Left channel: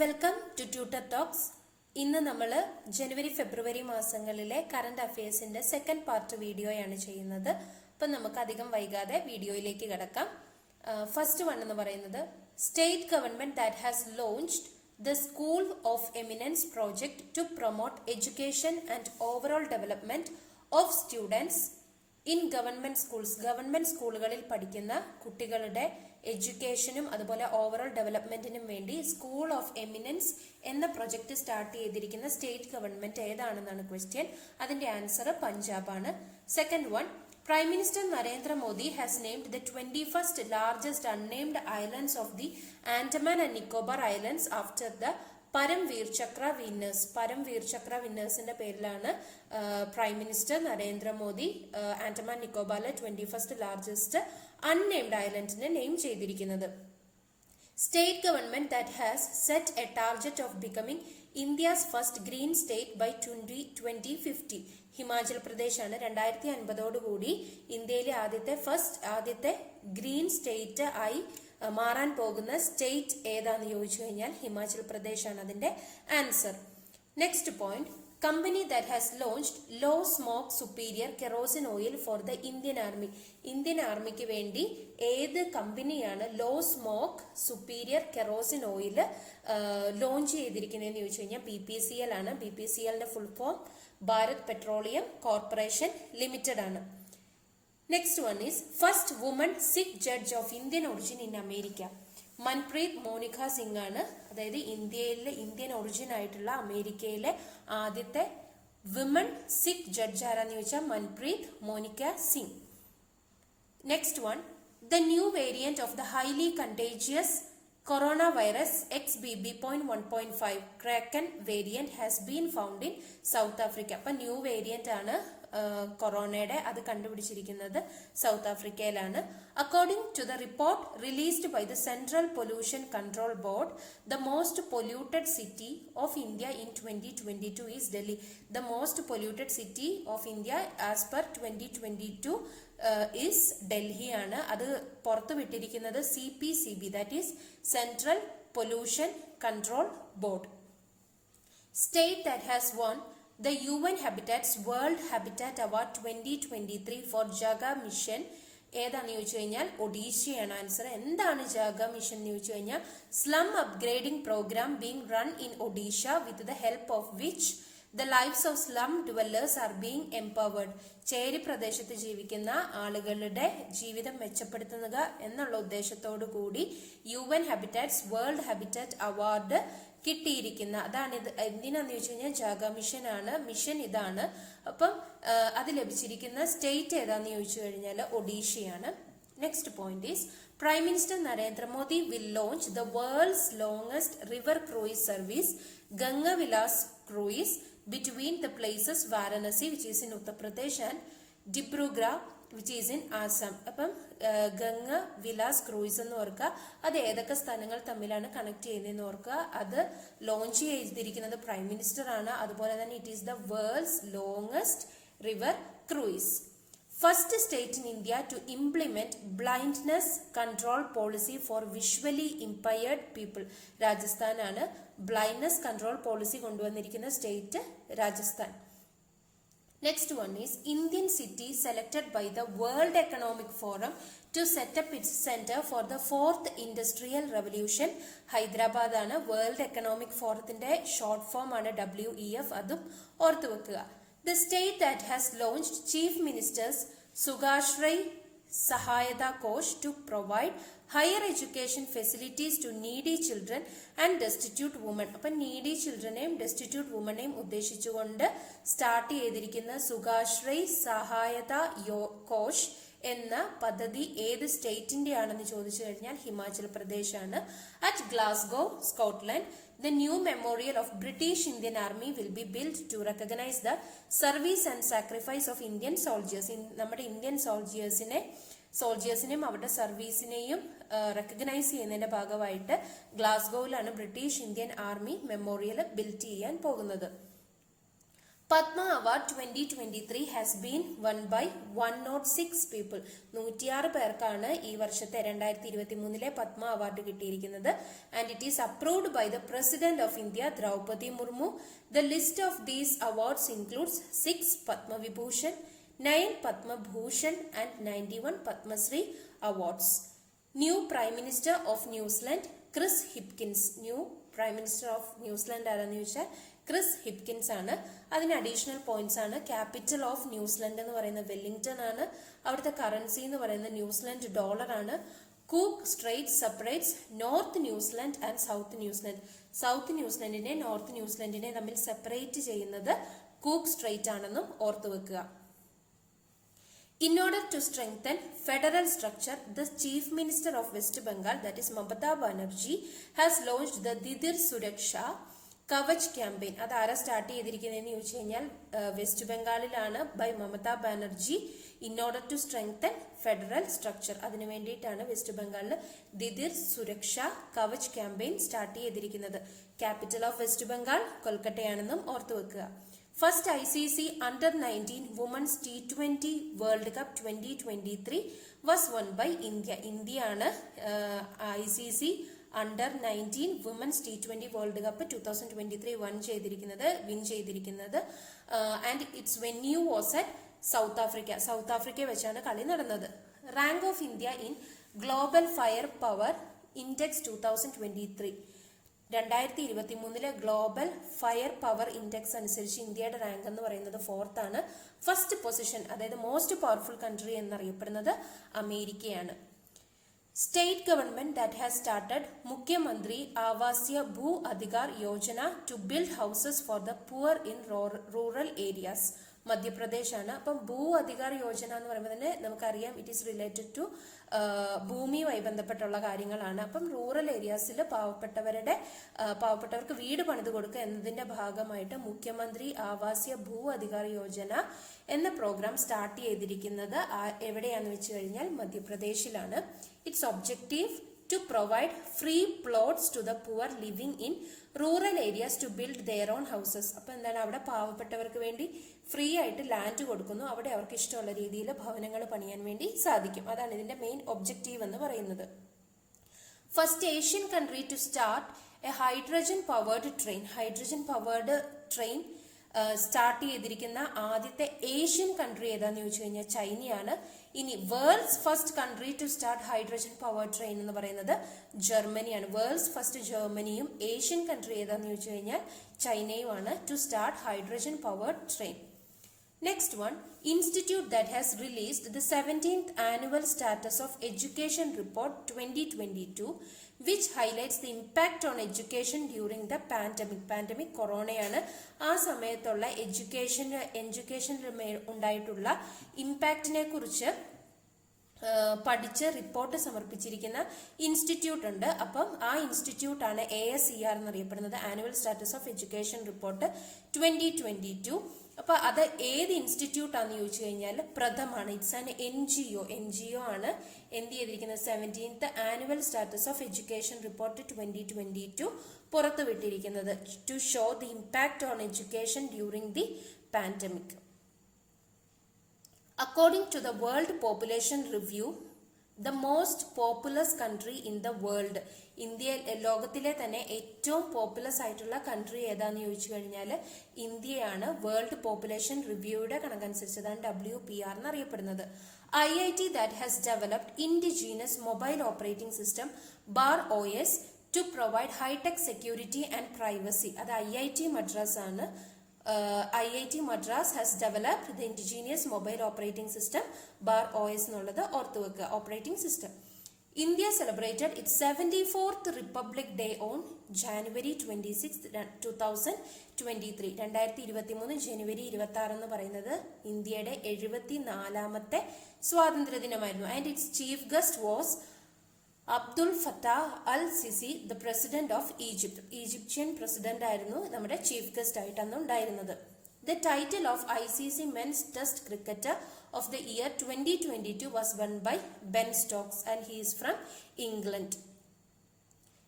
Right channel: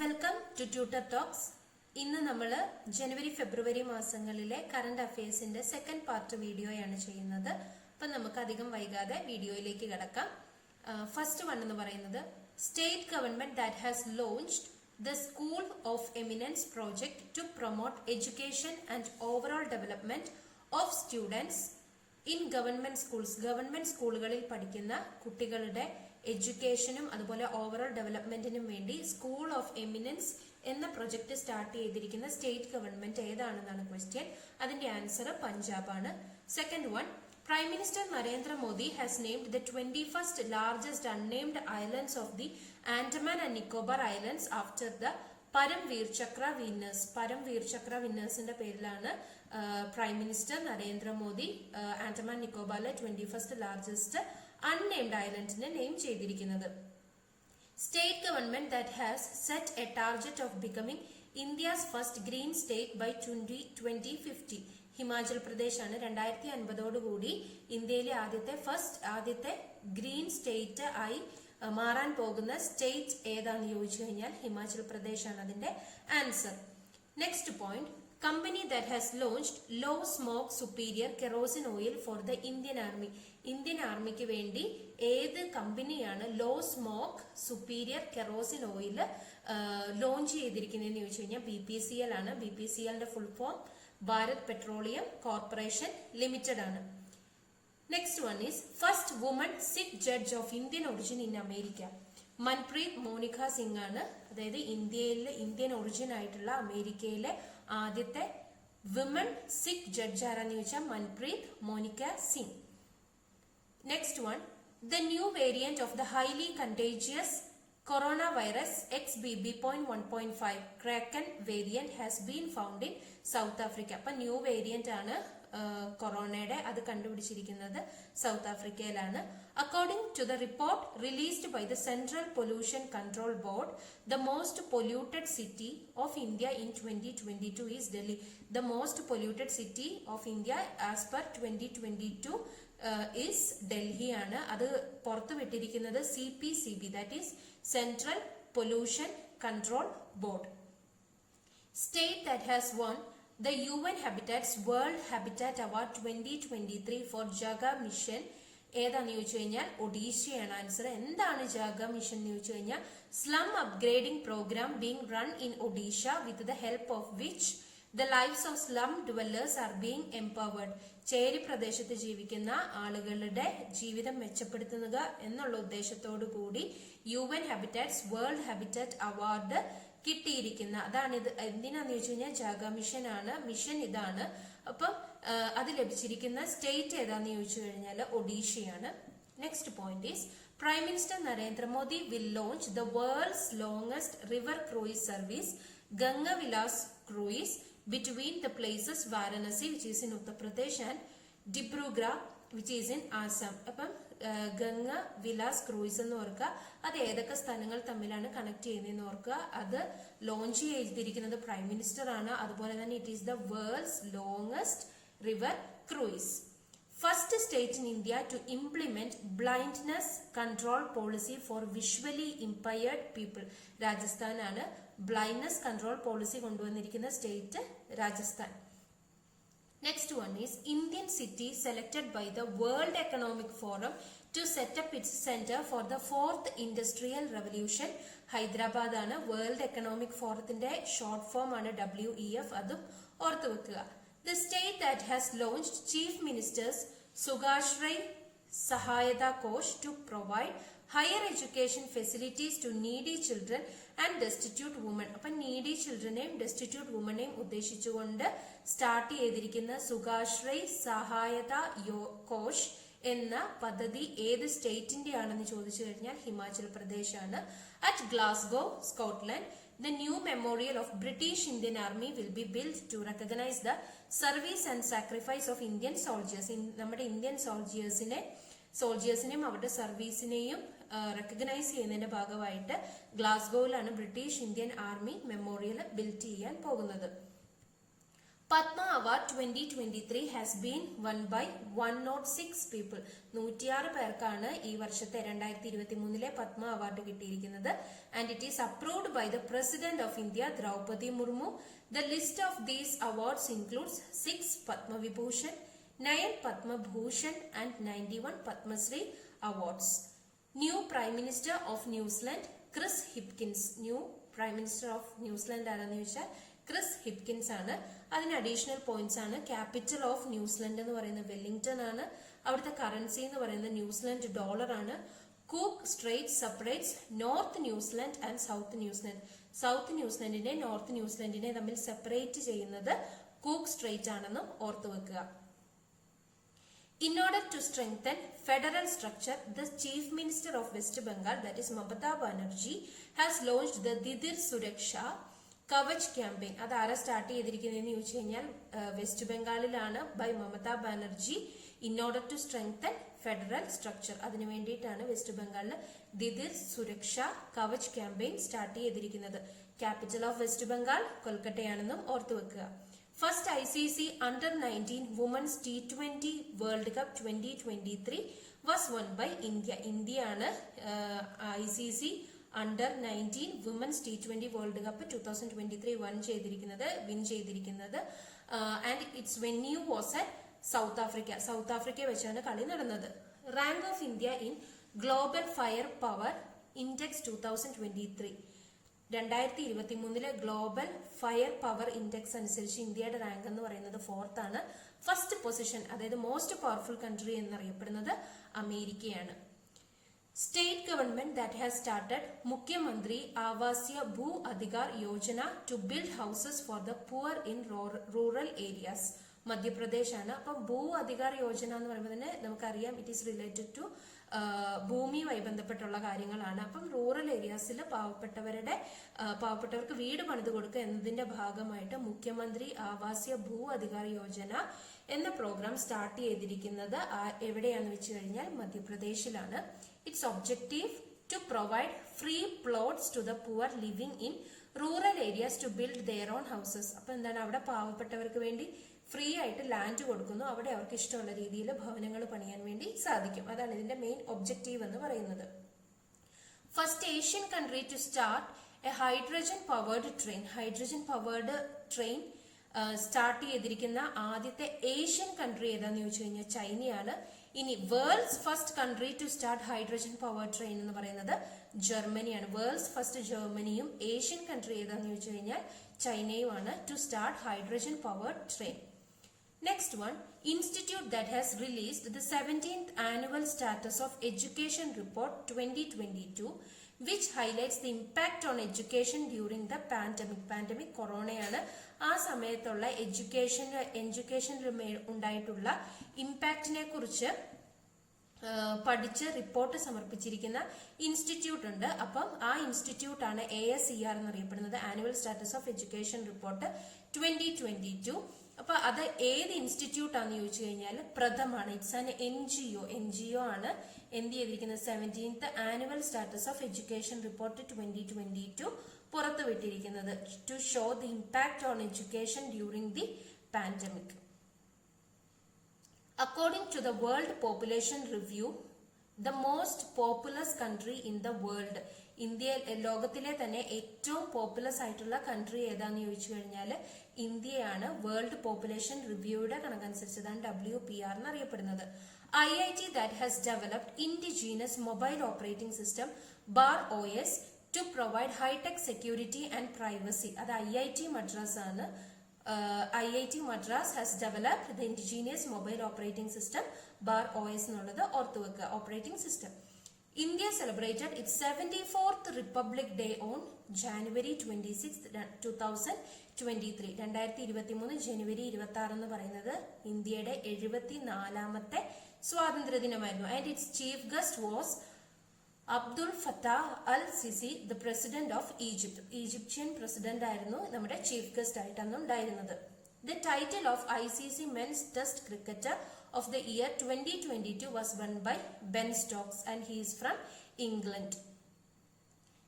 Welcome to tutor talks. ഇന്ന് നമ്മൾ ജനുവരി ഫെബ്രുവരി മാസങ്ങളിലെ കറന്റ് അഫയേഴ്സിന്റെ സെക്കൻഡ് പാർട്ട് വീഡിയോയാണ് ചെയ്യുന്നത്. അപ്പം നമുക്ക് അധികം വൈകാതെ വീഡിയോയിലേക്ക് കിടക്കാം. ഫസ്റ്റ് വൺ എന്ന് പറയുന്നത് state government that has launched the school of eminence project to promote education and overall development of students in government schools. Government സ്കൂളുകളിൽ പഠിക്കുന്ന കുട്ടികളുടെ എഡ്യൂക്കേഷനും അതുപോലെ ഓവറോൾ ഡെവലപ്മെന്റിനും വേണ്ടി സ്കൂൾ ഓഫ് എമിനൻസ് എന്ന പ്രൊജക്ട് സ്റ്റാർട്ട് ചെയ്തിരിക്കുന്ന സ്റ്റേറ്റ് ഗവൺമെന്റ് ഏതാണെന്നാണ് ക്വസ്റ്റ്യൻ. അതിന്റെ ആൻസർ പഞ്ചാബാണ്. Second one, Prime Minister Narendra Modi has named the 21st largest unnamed islands of the Andaman and Nicobar Islands after the Paramveer Chakra winners. Paramveer Chakra winnersന്റെ പേരിലാണ് prime minister Narendra Modi Andaman നിക്കോബാറിലെ 21st largest unnamed ഐലൻഡിനെ name ചെയ്തിരിക്കുന്നത്. State government that has set a target of becoming India's first green state by 2050. Himachal Pradesh ആണ് 2050 കൂടി ഇന്ത്യയിലെ ആദ്യത്തെ green state ആയി മാറാൻ പോകുന്ന സ്റ്റേറ്റ് ഏതാന്ന് ചോദിച്ചു കഴിഞ്ഞാൽ ഹിമാചൽ പ്രദേശ് ആണ് അതിന്റെ answer. Next point, company that has launched low smoke superior kerosene oil for the Indian army. Indian ആർമിക്ക് വേണ്ടി ഏത് കമ്പനിയാണ് low smoke superior kerosene oil launch ചെയ്തിരിക്കുന്നതെന്ന് ചോദിച്ചു കഴിഞ്ഞാൽ BPCL ആണ്. BPCLന്റെ full form Bharat petroleum corporation limited ആണ്. Next one is first woman Sikh judge of Indian origin in America. Manpreet Monika Singh ആണ്. അതായത് ഇന്ത്യൻ ഒറിജിൻ ആയിട്ടുള്ള അമേരിക്കയിലെ ആദ്യത്തെ വിമൺ സിഖ് ജഡ്ജ് ആരാന്ന് ചോദിച്ചാൽ Manpreet Monika Singh. Next one, the new variant of the highly contagious coronavirus XBB.1.5 Kraken variant has been found in South Africa. അപ്പൊ new variant ആണ് കൊറോണയുടെ, അത് കണ്ടുപിടിച്ചിരിക്കുന്നത് സൗത്ത് ആഫ്രിക്കയിലാണ്. According to the report released by the central pollution control board, the most polluted city of India in 2022 is Delhi. The most polluted city of India as per 2022 is Delhi ആണ്. അത് പുറത്തു വിട്ടിരിക്കുന്നത് CPCB, that is central pollution control board. State that has won The UN Habitat's World Habitat Award 2023 for Jaga Mission ഏതാന്ന് ചോദിച്ചു കഴിഞ്ഞാൽ ഒഡീഷയാണ് answer. എന്താണ് ജാഗ mission എന്ന് ചോദിച്ചു കഴിഞ്ഞാൽ slum upgrading programme being run in Odisha with the help of which the lifes of slum dwellers are being empowered. ചേരി പ്രദേശത്ത് ജീവിക്കുന്ന ആളുകളുടെ ജീവിതം മെച്ചപ്പെടുത്തുക എന്നുള്ള ഉദ്ദേശത്തോടു കൂടി UN habitats world habitat award കിട്ടിയിരിക്കുന്ന അതാണിത്. എന്തിനാന്ന് ചോദിച്ചു കഴിഞ്ഞാൽ ജാഗ മിഷൻ ആണ്. മിഷൻ ഇതാണ്. അപ്പം അത് ലഭിച്ചിരിക്കുന്ന സ്റ്റേറ്റ് ഏതാന്ന് ചോദിച്ചു കഴിഞ്ഞാൽ ഒഡീഷയാണ്. Next point is prime minister Narendra Modi will launch the world's longest river cruise service Ganga Vilas cruise between the places Varanasi, which is in Uttar Pradesh, and Dibrugarh, which is in Assam. അപ്പം Ganga Vilas cruise എന്ന് ഓർക്കുക. അത് ഏതൊക്കെ സ്ഥലങ്ങൾ തമ്മിലാണ് കണക്ട് ചെയ്യുന്നതെന്ന് ഓർക്കുക. അത് ലോഞ്ച് ചെയ്തിരിക്കുന്നത് പ്രൈം മിനിസ്റ്റർ ആണ്. അതുപോലെ തന്നെ it is the world's longest river cruise. First state in India to implement blindness control policy for visually impaired people. രാജസ്ഥാനാണ്. ബ്ലൈൻഡ്നെസ് കൺട്രോൾ പോളിസി കൊണ്ടുവന്നിരിക്കുന്ന state Rajasthan. Next one is Indian city selected by the world economic forum to set up its centre for the fourth industrial revolution. Hyderabad ആണ്. World economic ഫോറത്തിന്റെ short form ആണ് WEF. അതും ഓർത്തു വെക്കുക. The state that has launched Chief Minister's Sugashray Sahayata Kosh to provide higher education facilities to needy children and destitute women. അപ്പം needy childrenനെയും destitute womenനെയും ഉദ്ദേശിച്ചുകൊണ്ട് start ചെയ്തിരിക്കുന്ന സുഗാശ്രയ് സഹായത കോഷ് എന്ന പദ്ധതി ഏത് സ്റ്റേറ്റിന്റെ ആണെന്ന് ചോദിച്ചു കഴിഞ്ഞാൽ ഹിമാചൽ പ്രദേശ് ആണ്. At Glasgow, Scotland, the new memorial of British Indian Army will be built to recognize the service and sacrifice of Indian soldiers. നമ്മുടെ ഇന്ത്യൻ സോൾജിയേഴ്സിനെയും അവരുടെ സർവീസിനെയും റെക്കഗ്നൈസ് ചെയ്യുന്നതിന്റെ ഭാഗമായിട്ട് ഗ്ലാസ്ഗോയിലാണ് British Indian army memorial build ചെയ്യാൻ പോകുന്നത്. Padma award 2023 has been won by 106 people. 106 പേർക്കാണ് ഈ വർഷത്തെ 2023 പത്മ അവാർഡ് കിട്ടിയിരിക്കുന്നത്. And it is approved by the President of India, Draupadi Murmu. The list of these awards includes 6 Padma Vibhushan, 9 Padma Bhushan and 91 Padma Shri awards. New Prime Minister of New Zealand, Chris Hipkins. New Prime Minister of New Zealand ആരാന്ന് ചോദിച്ചാൽ Chris Hipkins ആണ്. അതിന് additional points ആണ്. Capital of New Zealand എന്ന് പറയുന്നത് Wellington ആണ്. അവിടുത്തെ currency എന്ന് പറയുന്നത് ന്യൂസിലൻഡ് ഡോളർ ആണ്. Cook strait separates north New Zealand and south New Zealand. South ന്യൂസിലൻഡിനെ നോർത്ത് ന്യൂസിലൻഡിനെ തമ്മിൽ സെപ്പറേറ്റ് ചെയ്യുന്നത് കൂക്ക് സ്ട്രേറ്റ് ആണെന്നും ഓർത്തു വെക്കുക. In order to strengthen federal structure, the Chief Minister of West Bengal, that is Mamata Banerjee, has launched the Didir Suraksha Kavach campaign. അത് ആരാ start ചെയ്തിരിക്കുന്നതെന്ന് ചോദിച്ചു കഴിഞ്ഞാൽ വെസ്റ്റ് ബംഗാളിലാണ്, by Mamata Banerjee. In order to strengthen federal structure, അതിനു വേണ്ടിയിട്ടാണ് west ബംഗാളിൽ Didir Suraksha Kavach campaign start ചെയ്തിരിക്കുന്നത്. ക്യാപിറ്റൽ ഓഫ് വെസ്റ്റ് ബംഗാൾ കൊൽക്കട്ടയാണെന്നും ഓർത്തു വെക്കുക. First ICC Under-19 Women's T20 world cup 2023 was won by India. ഇന്ത്യയാണ് ICC Under-19 Women's T20 world cup 2023 win ചെയ്തിരിക്കുന്നത്. And its venue was at south Africa. South Africa വെച്ചാണ് കളി നടന്നത്. Rank of India in global fire power index 2023. 2023 global fire power index അനുസരിച്ച് ഇന്ത്യയുടെ rank എന്ന് പറയുന്നത് 4th ആണ്. ഫസ്റ്റ് പൊസിഷൻ, അതായത് മോസ്റ്റ് പവർഫുൾ കൺട്രി എന്നറിയപ്പെടുന്നത് അമേരിക്കയാണ്. State government that has started Mukhyamantri Avasya Bhu Adhikar Yojana to build houses for the poor in rural areas. Madhya Pradesh ആണ്. അപ്പം ഭൂ അധികാർ യോജന എന്ന് പറയുമ്പോൾ തന്നെ നമുക്കറിയാം ഇറ്റ് ഈസ് റിലേറ്റഡ് ടു ഭൂമിയുമായി ബന്ധപ്പെട്ടുള്ള കാര്യങ്ങളാണ്. അപ്പം റൂറൽ ഏരിയാസിൽ പാവപ്പെട്ടവർക്ക് വീട് പണിത് കൊടുക്കുക എന്നതിന്റെ ഭാഗമായിട്ട് മുഖ്യമന്ത്രി ആവാസ്യ ഭൂ അധികാർ യോജന എന്ന പ്രോഗ്രാം സ്റ്റാർട്ട് ചെയ്തിരിക്കുന്നത് എവിടെയാണെന്ന് വെച്ച് കഴിഞ്ഞാൽ മധ്യപ്രദേശിലാണ്. Its objective to provide free plots to the poor living in rural areas to build their own houses. അപ്പൊ എന്താണ്, അവിടെ പാവപ്പെട്ടവർക്ക് വേണ്ടി ഫ്രീ ആയിട്ട് ലാൻഡ് കൊടുക്കുന്നു. അവിടെ അവർക്ക് ഇഷ്ടമുള്ള രീതിയിൽ ഭവനങ്ങൾ പണിയാൻ വേണ്ടി സാധിക്കും. അതാണ് ഇതിന്റെ മെയിൻ ഒബ്ജക്റ്റീവ് എന്ന് പറയുന്നത്. First Asian country to start a hydrogen powered train. Hydrogen powered train start ചെയ്തിരിക്കുന്ന ആദ്യത്തെ ഏഷ്യൻ കൺട്രി ഏതാന്ന് ചോദിച്ചു കഴിഞ്ഞാൽ ചൈനയാണ്. ഇനി world's first country to start hydrogen power train എന്ന് പറയുന്നത് ജർമ്മനിയാണ്. വേൾഡ്സ് ഫസ്റ്റ് ജർമ്മനിയും ഏഷ്യൻ കൺട്രി ഏതാന്ന് ചോദിച്ചു കഴിഞ്ഞാൽ ചൈനയുമാണ് to start hydrogen power train. Next one, institute that has released the 17th annual status of education report 2022, which highlights the impact on education during the pandemic. Pandemic കൊറോണയാണ്. ആ സമയത്തുള്ള education ഉണ്ടായിട്ടുള്ള ഇമ്പാക്റ്റിനെ കുറിച്ച് പഠിച്ച് report സമർപ്പിച്ചിരിക്കുന്ന ഇൻസ്റ്റിറ്റ്യൂട്ട് ഉണ്ട്. അപ്പം ആ institute ആണ് ASER എന്നറിയപ്പെടുന്നത്, annual status of education report 2022. അപ്പൊ അത് ഏത് ഇൻസ്റ്റിറ്റ്യൂട്ട് ആണെന്ന് ചോദിച്ചു കഴിഞ്ഞാൽ പ്രഥമാണ്. ഇറ്റ്സ് ആൻ NGO ആണ് എന്ത് ചെയ്തിരിക്കുന്നത് 17th annual status of education report 2022 പുറത്തുവിട്ടിരിക്കുന്നത് to show the impact on education during the pandemic. According to the World Population Review, the most populous country in the world, India ലോകത്തിലെ തന്നെ ഏറ്റവും populous ആയിട്ടുള്ള country ഏതാന്ന് ചോദിച്ചു കഴിഞ്ഞാൽ ഇന്ത്യയാണ്. World population റിവ്യൂയുടെ കണക്കനുസരിച്ച് അതാണ് WPR എന്നറിയപ്പെടുന്നത്. IIT that has developed indigenous mobile operating system BAR-OS to provide high-tech security and privacy. അത് IIT Madras ആണ്. IIT Madras has developed the indigenous mobile operating system BAR-OS എന്നുള്ളത് ഓർത്തു വെക്കുക, operating system. India celebrated its 74th Republic Day on January 26, 2023. 2023 ജനുവരി 26 എന്ന് പറയുന്നത് ഇന്ത്യയുടെ 74ാമത്തെ സ്വാതന്ത്ര്യ ദിനമായിരുന്നു. And its chief guest was Abdul Fattah al Sisi, the president of Egypt. Egyptian president ആയിരുന്നു നമ്മുടെ ചീഫ് ഗസ്റ്റ് ആയിട്ട് അന്ന് ഉണ്ടായിരുന്നത്. The title of ICC Men's Test Cricketer of the year 2022 was won by Ben Stokes and he is from England.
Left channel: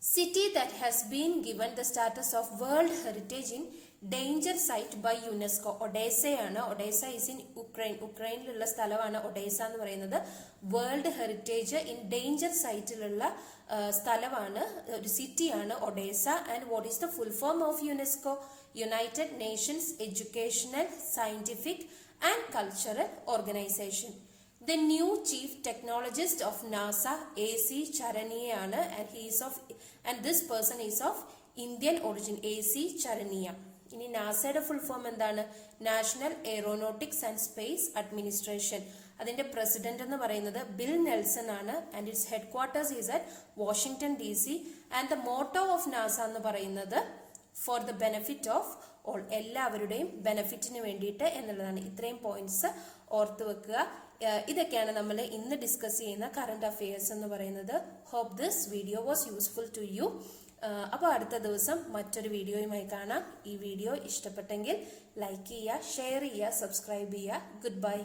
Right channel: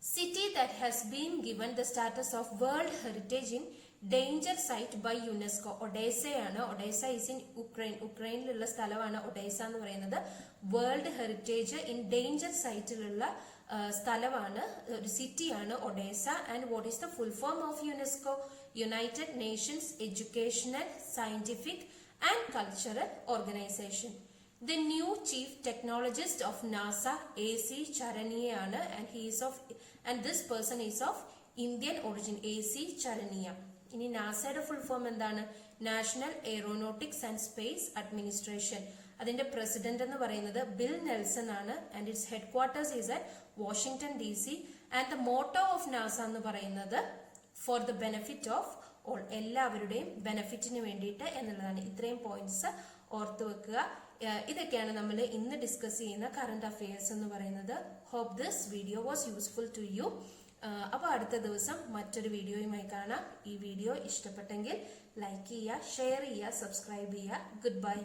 City that has been given the status of World Heritage in Danger Site by UNESCO. ഒഡേസയാണ്. Odesa is in Ukraine. ഉക്രൈനിലുള്ള സ്ഥലമാണ് Odesa എന്ന് പറയുന്നത്. World heritage in danger സൈറ്റിലുള്ള സ്ഥലമാണ്, ഒരു സിറ്റിയാണ് Odesa. And what is the full form of UNESCO? United Nations educational, scientific and cultural organisation. The new chief technologist of NASA, A.C. Charania, and this person is of Indian origin, A.C. Charania. ഇനി നാസയുടെ full form എന്താണ്? National Aeronautics and Space Administration. അതിന്റെ president എന്ന് പറയുന്നത് Bill Nelson ആണ്. And its headquarters is at Washington DC. And the motto of NASA എന്ന് പറയുന്നത് for the benefit of all, എല്ലാവരുടെയും ബെനിഫിറ്റിന് വേണ്ടിയിട്ട് എന്നുള്ളതാണ്. ഇത്രയും പോയിന്റ്സ് ഓർത്തു വെക്കുക. ഇതൊക്കെയാണ് നമ്മൾ ഇന്ന് ഡിസ്കസ് ചെയ്യുന്ന കറന്റ് അഫയേഴ്സ് എന്ന് പറയുന്നത്. Hope this video was useful to you. അപ്പോൾ അടുത്ത ദിവസം മറ്റൊരു വീഡിയോയുമായി കാണാം. ഈ വീഡിയോ ഇഷ്ടപ്പെട്ടെങ്കിൽ ലൈക്ക് ചെയ്യുക, ഷെയർ ചെയ്യുക, സബ്സ്ക്രൈബ് ചെയ്യുക. Good bye.